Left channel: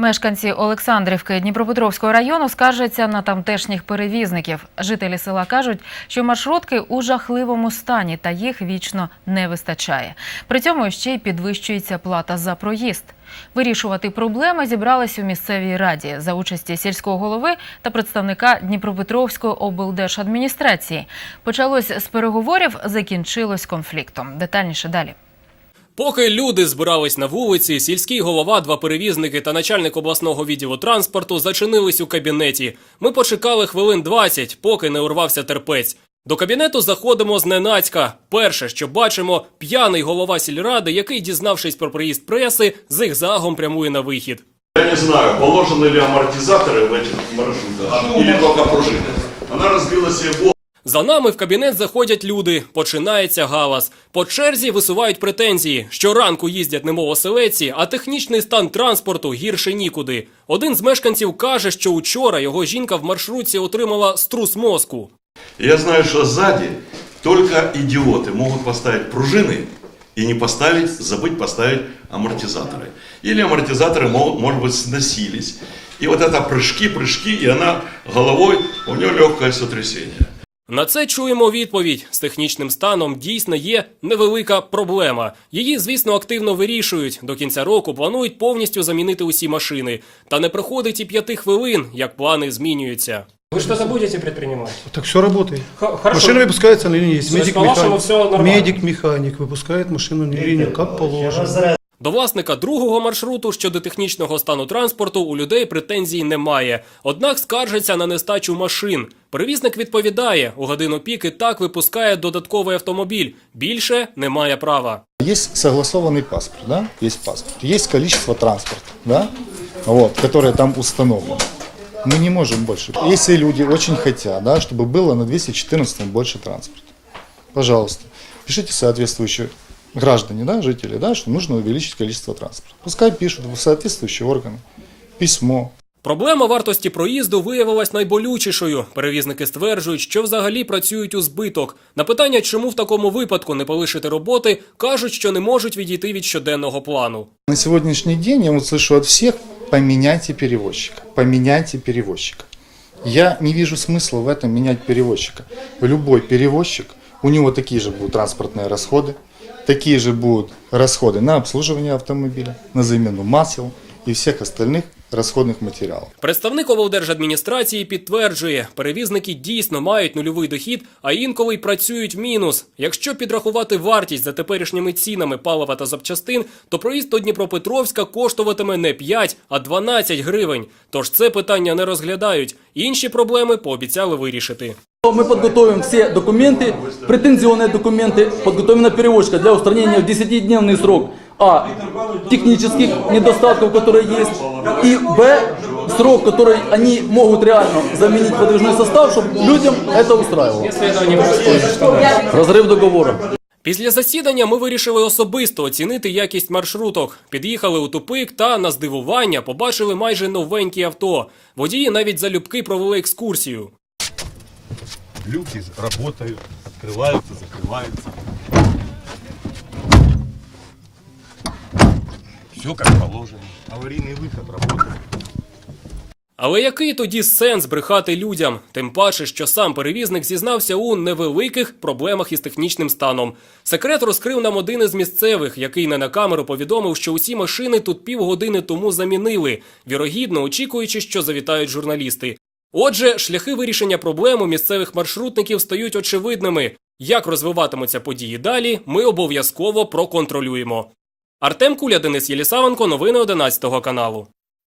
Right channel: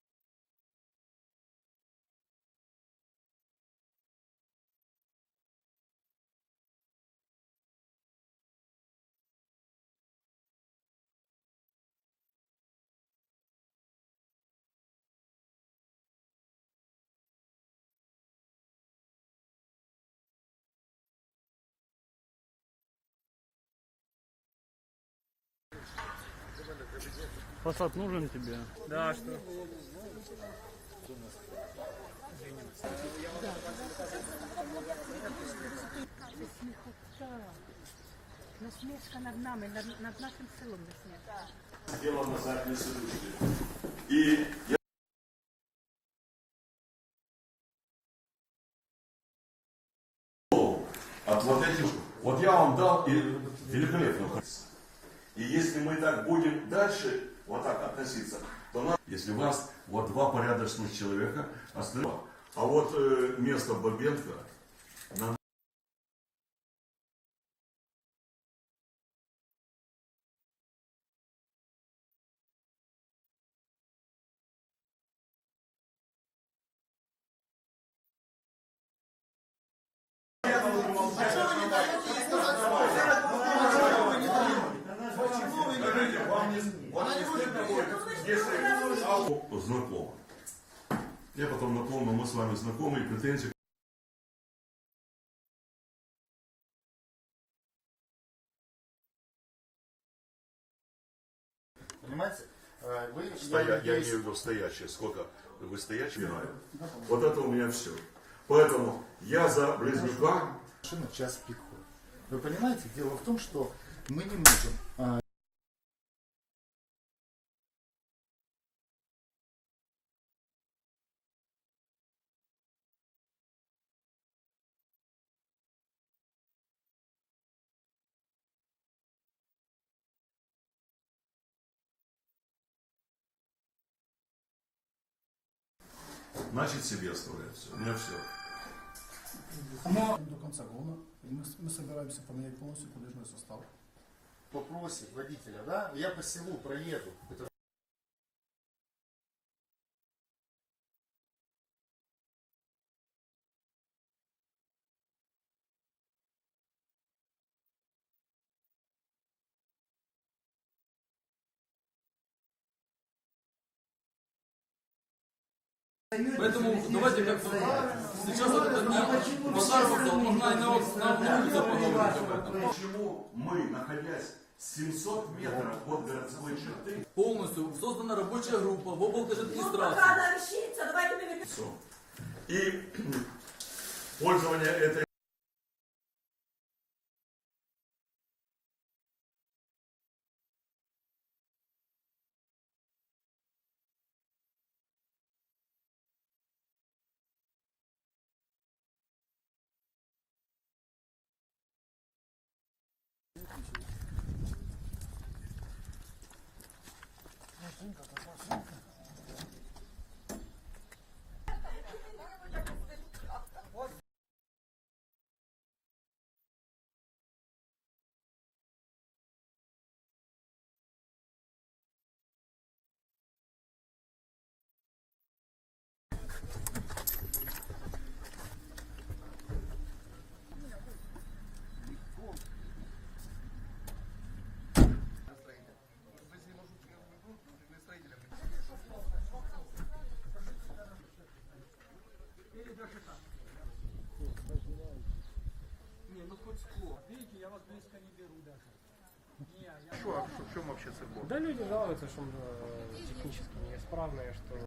Мешканці Олександрівки Дніпропетровського району скаржаться на тамтешніх перевізників. Жителі села кажуть, що маршрутки у жахливому стані та їх вічно не вистачає. При цьому ще й підвищується плата за проїзд. Вирішувати проблеми зібрались у місцевій раді за участі сільського голови та представника Дніпропетровської облдержадміністрації. Почалось з переговорів, закінчилось конфліктом. Детальніше далі. Поки люди збирались на вулиці, сільський голова, два перевізники та начальник обласного відділу транспорту зачинились у кабінеті. Ми почекали хвилин 20, поки не урвався терпець. До кабінету заходимо зненацька. Перше, що бачимо, п'яний голова сільради, який, дізнавшись про приїзд преси, зигзагом прямує на вихід. Я не знаю, положены ли амортизаторы в этих маршрутах, или только пружины. Она разбила себе голову. За нами в кабінет заходять люди. Починається галас. По черзі висувають претензії. Щоранку їздять немов оселеці, а технічний стан транспорту гірше нікуди. Один з мешканців каже, що учора його жінка в маршрутці отримала струс мозку. Я знаю, что сзади только идиоты могут поставить пружины и не поставить, забыть поставить амортизаторы. Или амортизаторы, мо- может быть, сносились. И вот это прыжки, прыжки, и она головой, у нее легкое сотрясение. На це чуємо відповідь. З технічним станом дійсно є невелика проблема. Її, звісно, активно вирішують. До кінця року планують повністю замінити усі машини. Та не проходить і п'яти хвилин, як плани змінюються. Вы что-то будете предпринимать? Так все работает. Х- хорошо. Машина выпускается на линии. Есть То есть, медик, по-вашему, механик. всё нормально? Медик-механик выпускает машину на линию, как положено. До власника другого маршруту щодо технічного стану транспорту у людей претензій немає. Однак скаржиться на нестачу машин. Перевізник відповідає, у годину пік і так випускає додатковий автомобіль. Більше немає права. Есть согласованный паспорт, да? Есть паспорт. Есть количество транспорта, да? Вот, которое там установлено. Мы не можем больше. Если люди очень хотят, да, чтобы было на 214 больше транспорта, пожалуйста, пишите соответствующие граждане, да, жители, да, что нужно увеличить количество транспорта. Пускай пишут в соответствующие органы письмо, Проблема вартості проїзду виявилась найболючішою. Перевізники стверджують, що взагалі працюють у збиток. На питання, чому в такому випадку не полишити роботи, кажуть, що не можуть відійти від щоденного плану. На сегодняшний день я вот слышу от всех, поменяйте перевозчика, поменяйте перевозчика. Я не вижу смысла в этом менять перевозчика. Любой перевозчик, у него такие же будут транспортные расходы, такие же будут расходы на обслуживание автомобиля, на замену масел и всех остальных расходных материалов. Представник облдержадміністрації підтверджує, перевізники дійсно мають нульовий дохід, а інколи й працюють в мінус. Якщо підрахувати вартість за теперішніми цінами палива та запчастин, то проїзд до Дніпропетровська коштуватиме не 5, а 12 гривень. Тож це питання не розглядають. Інші проблеми пообіцяли вирішити. Мы подготовим все документы, претензионные документы, подготовим на перевозчика для устранения в 10-дневный срок А. Технических недостатков, которые есть, и Б. Срок, который они могут реально заменить подвижной состав, чтобы людям это устраивало. Разрыв договора. Після засідання ми вирішили особисто оцінити якість маршруток. Під'їхали у тупик та на здивування побачили майже новенькі авто. Водії навіть залюбки провели екскурсію. Люки работают, открываются, закрываются. Все как положено. Аварийный выход работает. Але який тоді сенс брехати людям? Тим паче, що сам перевізник зізнався у невеликих проблемах із технічним станом. Секрет розкрив нам один із місцевих, який не на камеру повідомив, що усі машини тут півгодини тому замінили, вірогідно очікуючи, що завітають журналісти. Отже, шляхи вирішення проблем у місцевих маршрутників стають очевидними. Як розвиватимуться події далі, ми обов'язково проконтролюємо. Артем Куля, Денис Єлісавенко, новини 11 каналу.